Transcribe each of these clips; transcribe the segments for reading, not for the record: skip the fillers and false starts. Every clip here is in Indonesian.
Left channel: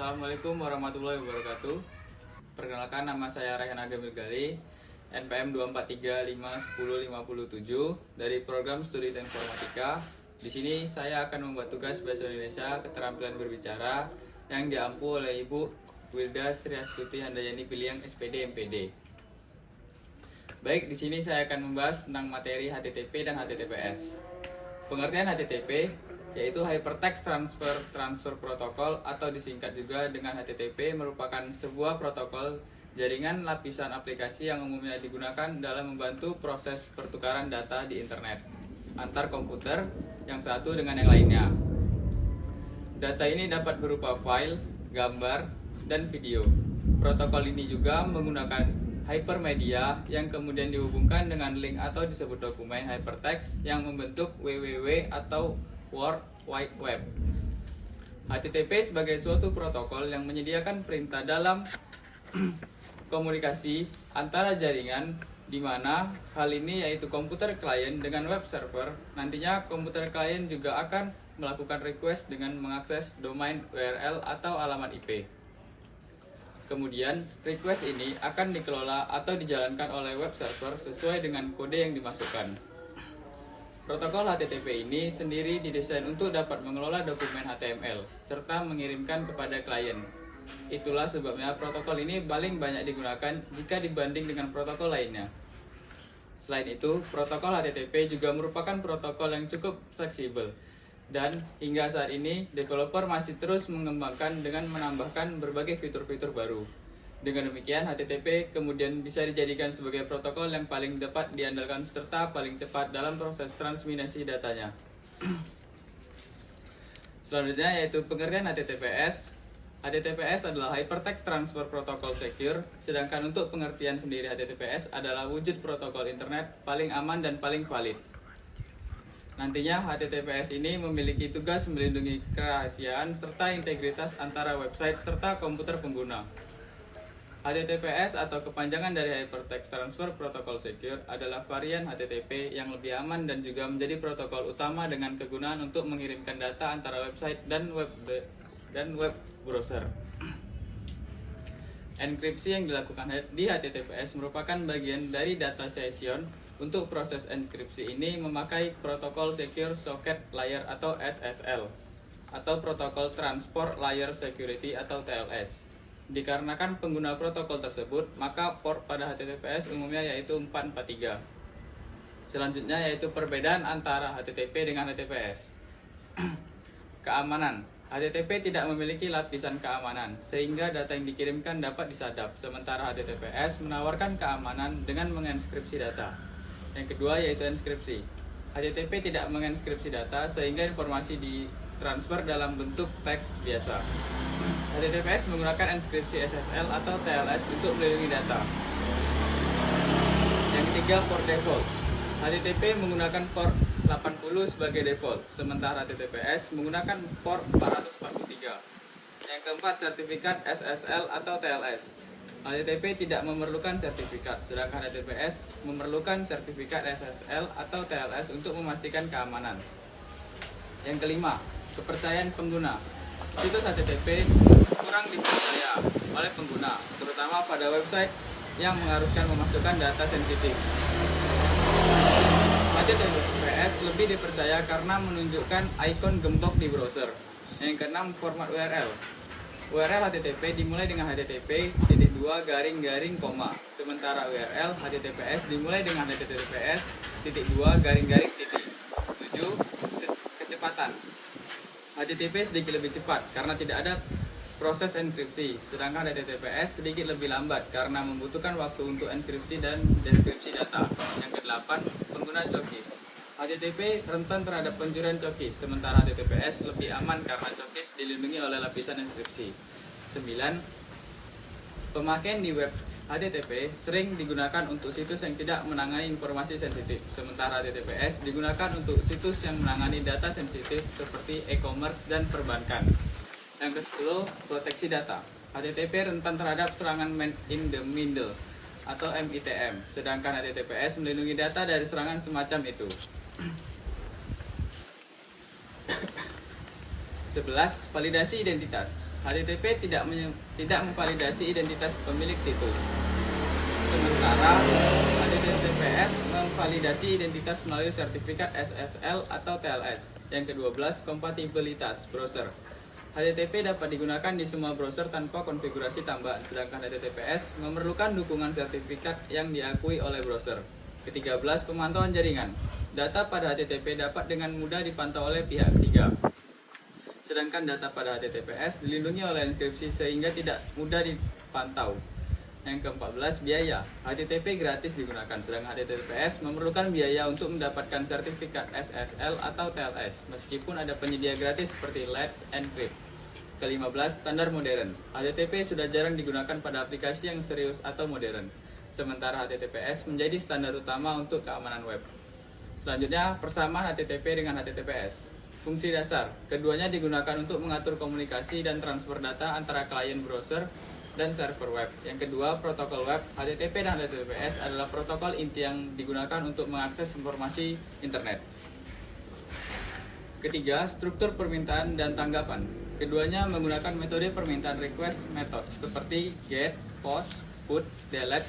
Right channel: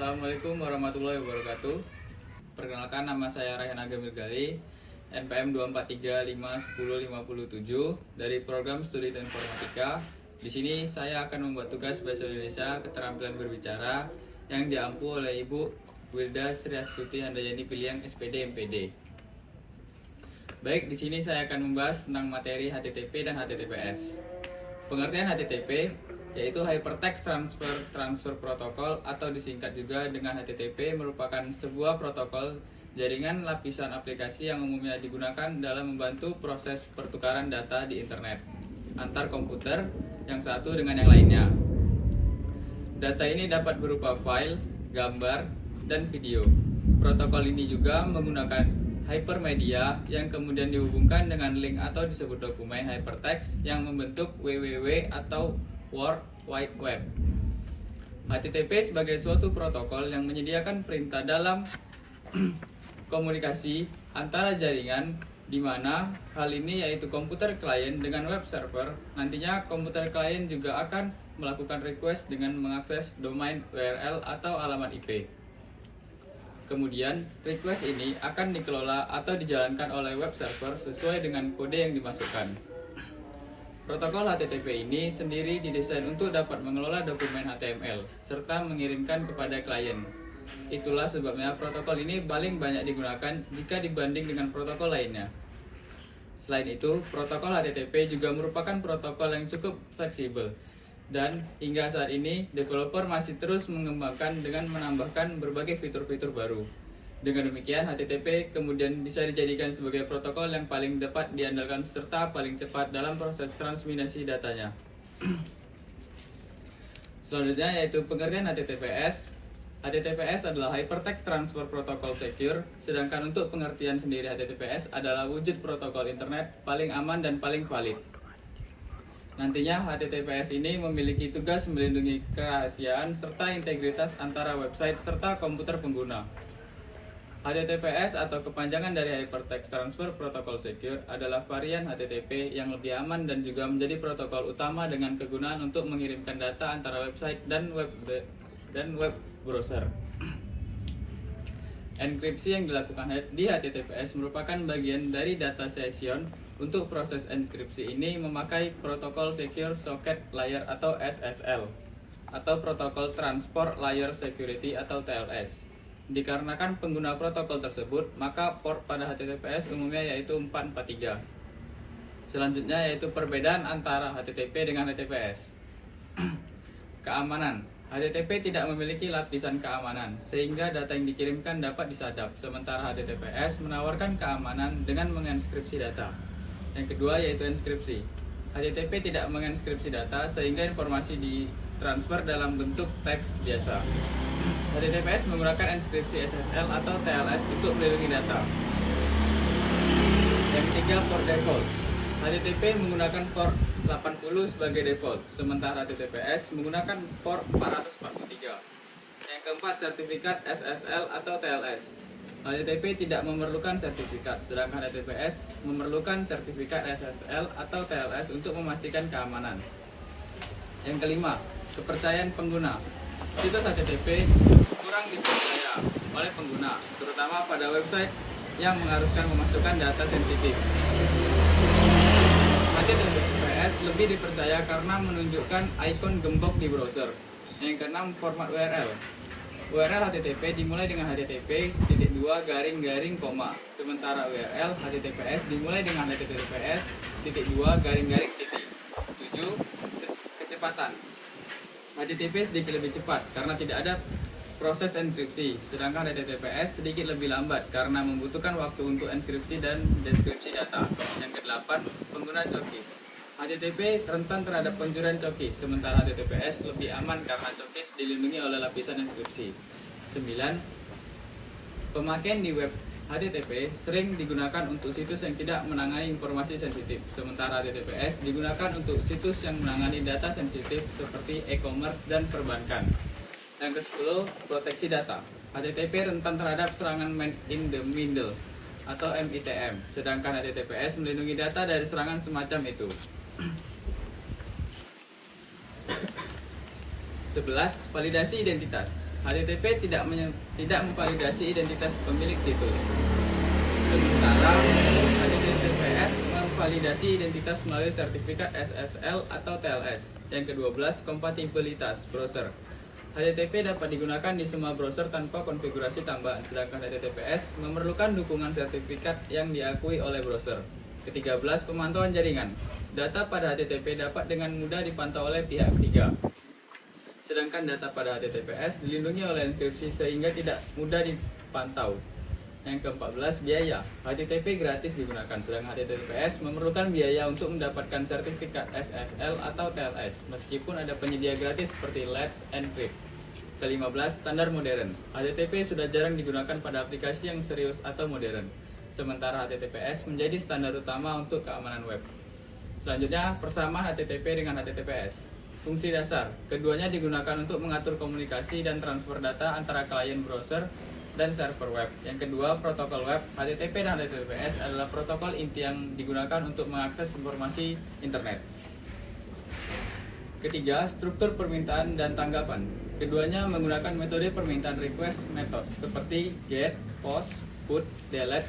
Assalamualaikum warahmatullahi wabarakatuh. Perkenalkan, nama saya Rayhan Agam Mirgali, NPM 243510557 dari program Studi Informatika. Di sini saya akan membuat tugas Bahasa Indonesia Keterampilan Berbicara yang diampu oleh Ibu Wilda Sri Astuti Handayani Piliang SPD MPD. Baik, di sini saya akan membahas tentang materi HTTP dan HTTPS. Pengertian HTTP yaitu Hypertext Transfer Protocol atau disingkat juga dengan HTTP, merupakan sebuah protokol jaringan lapisan aplikasi yang umumnya digunakan dalam membantu proses pertukaran data di internet antar komputer yang satu dengan yang lainnya. Data ini dapat berupa file, gambar, dan video. Protokol ini juga menggunakan hypermedia yang kemudian dihubungkan dengan link atau disebut dokumen hypertext yang membentuk www atau World Wide Web. HTTP sebagai suatu protokol yang menyediakan perintah dalam komunikasi antara jaringan, di mana hal ini yaitu komputer klien dengan web server. Nantinya komputer klien juga akan melakukan request dengan mengakses domain URL atau alamat IP. Kemudian, request ini akan dikelola atau dijalankan oleh web server sesuai dengan kode yang dimasukkan. Protokol HTTP ini sendiri didesain untuk dapat mengelola dokumen HTML serta mengirimkan kepada klien. Itulah sebabnya protokol ini paling banyak digunakan jika dibanding dengan protokol lainnya. Selain itu, protokol HTTP juga merupakan protokol yang cukup fleksibel. Dan hingga saat ini, developer masih terus mengembangkan dengan menambahkan berbagai fitur-fitur baru. Dengan demikian, HTTP kemudian bisa dijadikan sebagai protokol yang paling dapat diandalkan serta paling cepat dalam proses transmisi datanya. Selanjutnya yaitu pengertian HTTPS. HTTPS adalah Hypertext Transfer Protocol Secure, sedangkan untuk pengertian sendiri HTTPS adalah wujud protokol internet paling aman dan paling valid. Nantinya HTTPS ini memiliki tugas melindungi kerahasiaan serta integritas antara website serta komputer pengguna. HTTPS atau kepanjangan dari Hypertext Transfer Protocol Secure adalah varian HTTP yang lebih aman dan juga menjadi protokol utama dengan kegunaan untuk mengirimkan data antara website dan web browser. Enkripsi yang dilakukan di HTTPS merupakan bagian dari data session. Untuk proses enkripsi ini memakai protokol Secure Socket Layer atau SSL atau protokol Transport Layer Security atau TLS. Dikarenakan pengguna protokol tersebut, maka port pada HTTPS umumnya yaitu 443. Selanjutnya yaitu perbedaan antara HTTP dengan HTTPS. Keamanan. HTTP tidak memiliki lapisan keamanan, sehingga data yang dikirimkan dapat disadap, sementara HTTPS menawarkan keamanan dengan menginskripsi data. Yang kedua yaitu inskripsi. HTTP tidak menginskripsi data, sehingga informasi ditransfer dalam bentuk teks biasa. HTTPS menggunakan inskripsi SSL atau TLS untuk melindungi data. Yang ketiga, port default. HTTP menggunakan port 80 sebagai default, sementara HTTPS menggunakan port 443. Yang keempat, sertifikat SSL atau TLS. HTTP tidak memerlukan sertifikat, sedangkan HTTPS memerlukan sertifikat SSL atau TLS untuk memastikan keamanan. Yang kelima, kepercayaan pengguna. Situs HTTP kurang dipercaya oleh pengguna, terutama pada website yang mengharuskan memasukkan data sensitif. HTTPS lebih dipercaya karena menunjukkan ikon gembok di browser. Yang keenam, format URL. URL HTTP dimulai dengan http://, sementara URL HTTPS dimulai dengan https://. 7. Kecepatan. HTTP sedikit lebih cepat karena tidak ada proses enkripsi, sedangkan HTTPS sedikit lebih lambat karena membutuhkan waktu untuk enkripsi dan deskripsi data. Yang kedelapan, pengguna cookies. HTTP rentan terhadap pencurian cookies, sementara HTTPS lebih aman karena cookies dilindungi oleh lapisan enkripsi. 9. Pemakaian di web HTTP sering digunakan untuk situs yang tidak menangani informasi sensitif, sementara HTTPS digunakan untuk situs yang menangani data sensitif seperti e-commerce dan perbankan. Yang ke-10, proteksi data. HTTP rentan terhadap serangan man in the middle atau MITM, sedangkan HTTPS melindungi data dari serangan semacam itu. 11. Validasi identitas. HTTP tidak memvalidasi identitas pemilik situs. Sementara HTTPS memvalidasi identitas melalui sertifikat SSL atau TLS. Yang ke-12, kompatibilitas browser. HTTP dapat digunakan di semua browser tanpa konfigurasi tambahan, sedangkan HTTPS memerlukan dukungan sertifikat yang diakui oleh browser. Ke-13, pemantauan jaringan. Data pada HTTP dapat dengan mudah dipantau oleh pihak ketiga. Sedangkan data pada HTTPS dilindungi oleh enkripsi sehingga tidak mudah dipantau. Yang ke-14, biaya. HTTP gratis digunakan, sedangkan HTTPS memerlukan biaya untuk mendapatkan sertifikat SSL atau TLS, meskipun ada penyedia gratis seperti Let's Encrypt. Ke-15, standar modern. HTTP sudah jarang digunakan pada aplikasi yang serius atau modern, sementara HTTPS menjadi standar utama untuk keamanan web. Selanjutnya, persamaan HTTP dengan HTTPS. Fungsi dasar. Keduanya digunakan untuk mengatur komunikasi dan transfer data antara klien browser dan server web. Yang kedua, protokol web. HTTP dan HTTPS adalah protokol inti yang digunakan untuk mengakses informasi internet. Ketiga, struktur permintaan dan tanggapan. Keduanya menggunakan metode permintaan request method seperti get, post, put, delete,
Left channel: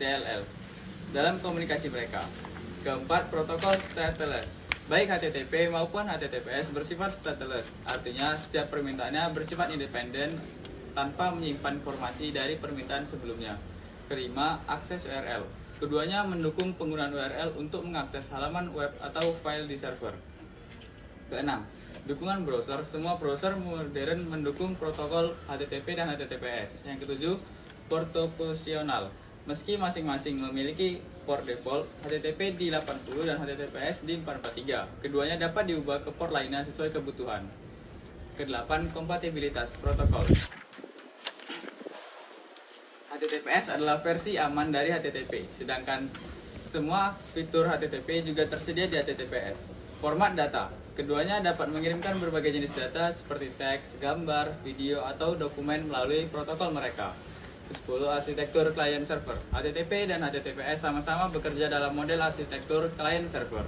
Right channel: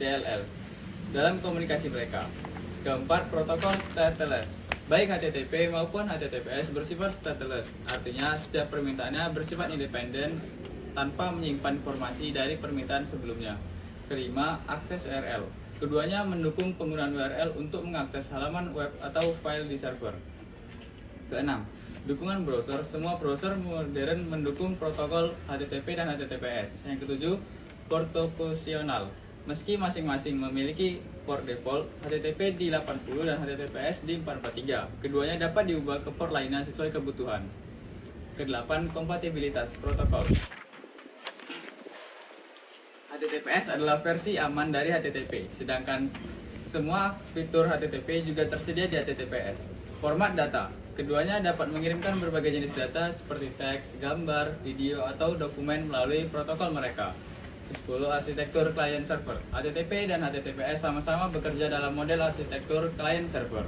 DLL dalam komunikasi mereka. Keempat, protokol stateless. Baik HTTP maupun HTTPS bersifat stateless, artinya setiap permintaannya bersifat independen tanpa menyimpan informasi dari permintaan sebelumnya. Kelima, akses URL. Keduanya mendukung penggunaan URL untuk mengakses halaman web atau file di server. Keenam, dukungan browser. Semua browser modern mendukung protokol HTTP dan HTTPS. Yang ketujuh, port opsional. Meski masing-masing memiliki port default, HTTP di 80 dan HTTPS di 443. Keduanya dapat diubah ke port lainnya sesuai kebutuhan. Kedelapan, kompatibilitas protokol. HTTPS adalah versi aman dari HTTP, sedangkan semua fitur HTTP juga tersedia di HTTPS. Format data. Keduanya dapat mengirimkan berbagai jenis data seperti teks, gambar, video, atau dokumen melalui protokol mereka. 10. Arsitektur client server. HTTP dan HTTPS sama-sama bekerja dalam model arsitektur client server.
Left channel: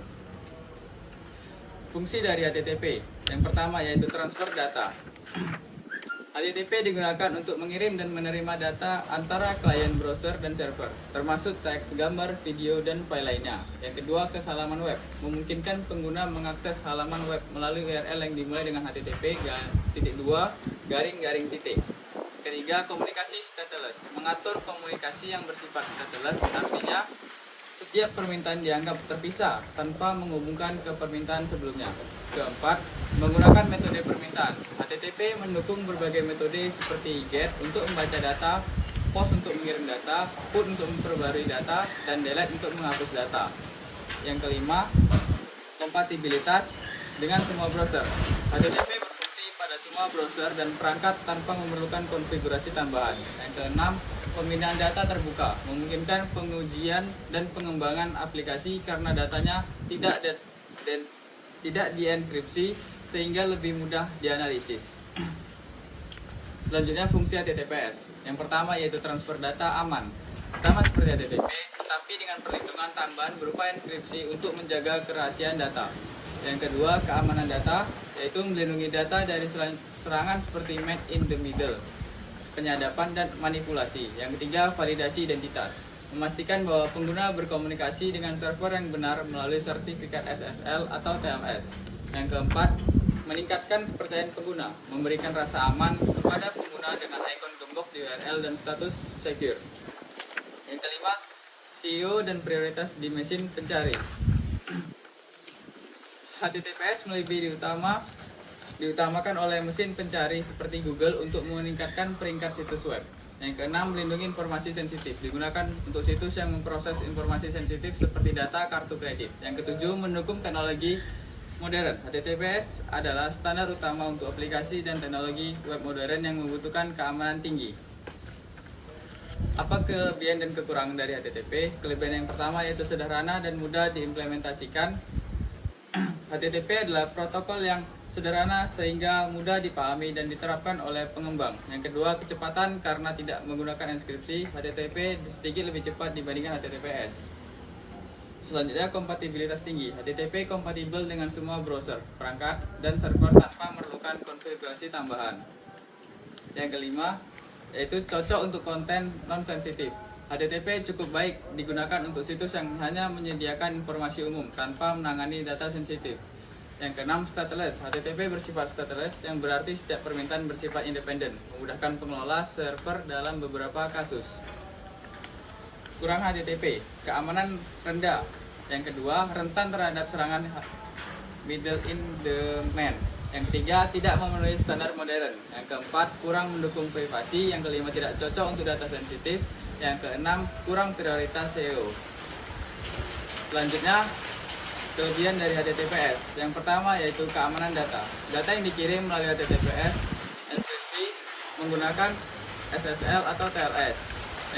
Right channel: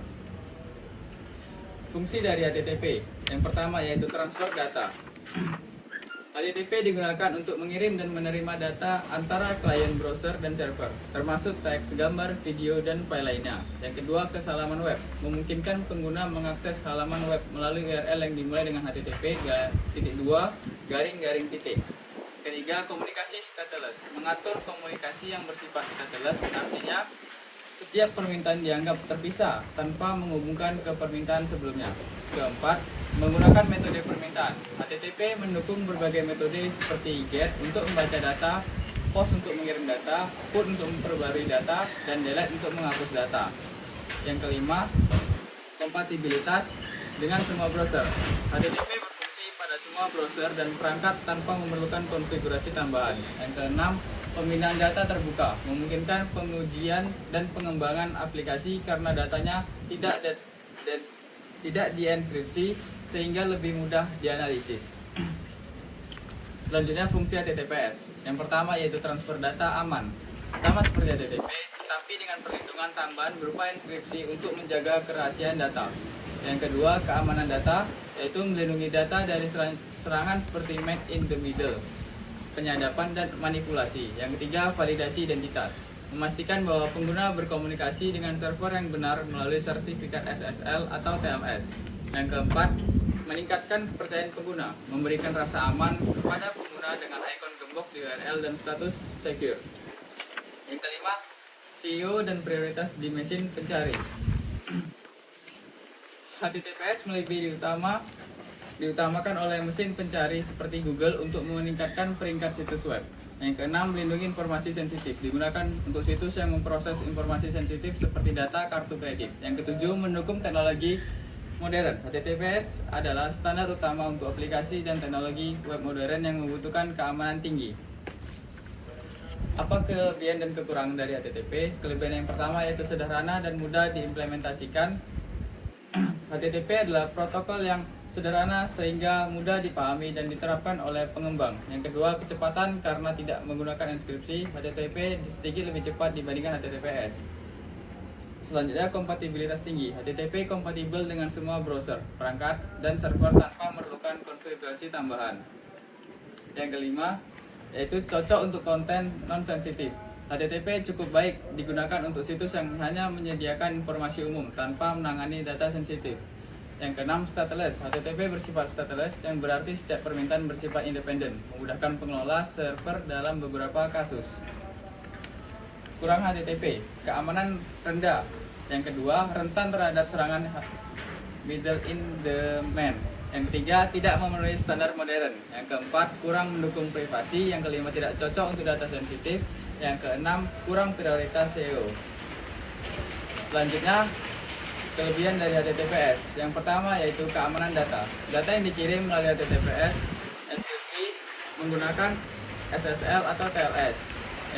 Fungsi dari HTTP. Yang pertama yaitu transfer data. HTTP digunakan untuk mengirim dan menerima data antara klien browser dan server, termasuk teks, gambar, video, dan file lainnya. Yang kedua, akses halaman web. Memungkinkan pengguna mengakses halaman web melalui URL yang dimulai dengan http://. Ketiga, komunikasi stateless. Mengatur komunikasi yang bersifat stateless, artinya setiap permintaan dianggap terpisah tanpa menghubungkan ke permintaan sebelumnya. Keempat, menggunakan metode permintaan. HTTP mendukung berbagai metode seperti get untuk membaca data, post untuk mengirim data, put untuk memperbarui data, dan delete untuk menghapus data. Yang kelima, kompatibilitas dengan semua browser. HTTP berfungsi pada semua browser dan perangkat tanpa memerlukan konfigurasi tambahan. Yang keenam, pembinaan data terbuka, memungkinkan pengujian dan pengembangan aplikasi karena datanya tidak dienkripsi sehingga lebih mudah dianalisis. Selanjutnya, fungsi HTTPS. Yang pertama yaitu transfer data aman, sama seperti HTTP, tapi dengan perlindungan tambahan berupa enkripsi untuk menjaga kerahasiaan data. Yang kedua, keamanan data, yaitu melindungi data dari serangan seperti man in the middle, penyadapan dan manipulasi. Yang ketiga, validasi identitas, memastikan bahwa pengguna berkomunikasi dengan server yang benar melalui sertifikat SSL atau TLS. Yang keempat, meningkatkan kepercayaan pengguna, memberikan rasa aman kepada pengguna dengan ikon gembok di URL dan status secure. Yang kelima, SEO dan prioritas di mesin pencari. HTTPS lebih diutamakan oleh mesin pencari seperti Google untuk meningkatkan peringkat situs web. Yang keenam, melindungi informasi sensitif, digunakan untuk situs yang memproses informasi sensitif seperti data kartu kredit. Yang ketujuh, mendukung teknologi modern. HTTPS adalah standar utama untuk aplikasi dan teknologi web modern yang membutuhkan keamanan tinggi. Apa kelebihan dan kekurangan dari HTTP? Kelebihan yang pertama yaitu sederhana dan mudah diimplementasikan. HTTP adalah protokol yang sederhana sehingga mudah dipahami dan diterapkan oleh pengembang. Yang kedua, kecepatan karena tidak menggunakan enkripsi. HTTP sedikit lebih cepat dibandingkan HTTPS. Selanjutnya, kompatibilitas tinggi. HTTP kompatibel dengan semua browser, perangkat, dan server tanpa memerlukan konfigurasi tambahan. Yang kelima, yaitu cocok untuk konten non-sensitif. HTTP cukup baik digunakan untuk situs yang hanya menyediakan informasi umum tanpa menangani data sensitif. Yang keenam, stateless. HTTP bersifat stateless, yang berarti setiap permintaan bersifat independen, memudahkan pengelola server dalam beberapa kasus. Kurang HTTP, keamanan rendah. Yang kedua, rentan terhadap serangan middle in the man. Yang ketiga, tidak memenuhi standar modern. Yang keempat, kurang mendukung privasi. Yang kelima, tidak cocok untuk data sensitif. Yang keenam, kurang prioritas SEO. Selanjutnya, kelebihan dari HTTPS. Yang pertama yaitu keamanan data. Data yang dikirim melalui HTTPS enkripsi menggunakan SSL atau TLS.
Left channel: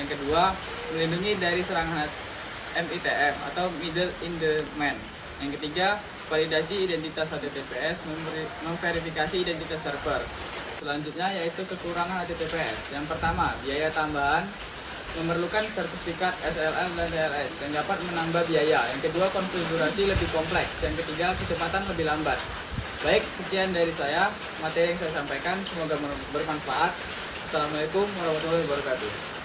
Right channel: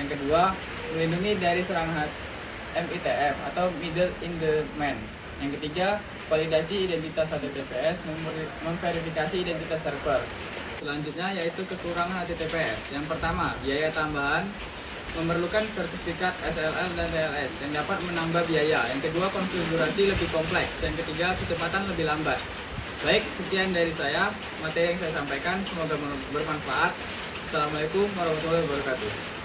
Yang kedua, melindungi dari serangan MITM atau middle in the man. Yang ketiga, validasi identitas HTTPS, memverifikasi identitas server. Selanjutnya yaitu kekurangan HTTPS. Yang pertama, biaya tambahan, memerlukan sertifikat SSL dan TLS yang dapat menambah biaya. Yang kedua, konfigurasi lebih kompleks. Yang ketiga, kecepatan lebih lambat. Baik, sekian dari saya, materi yang saya sampaikan, semoga bermanfaat. Assalamualaikum warahmatullahi wabarakatuh.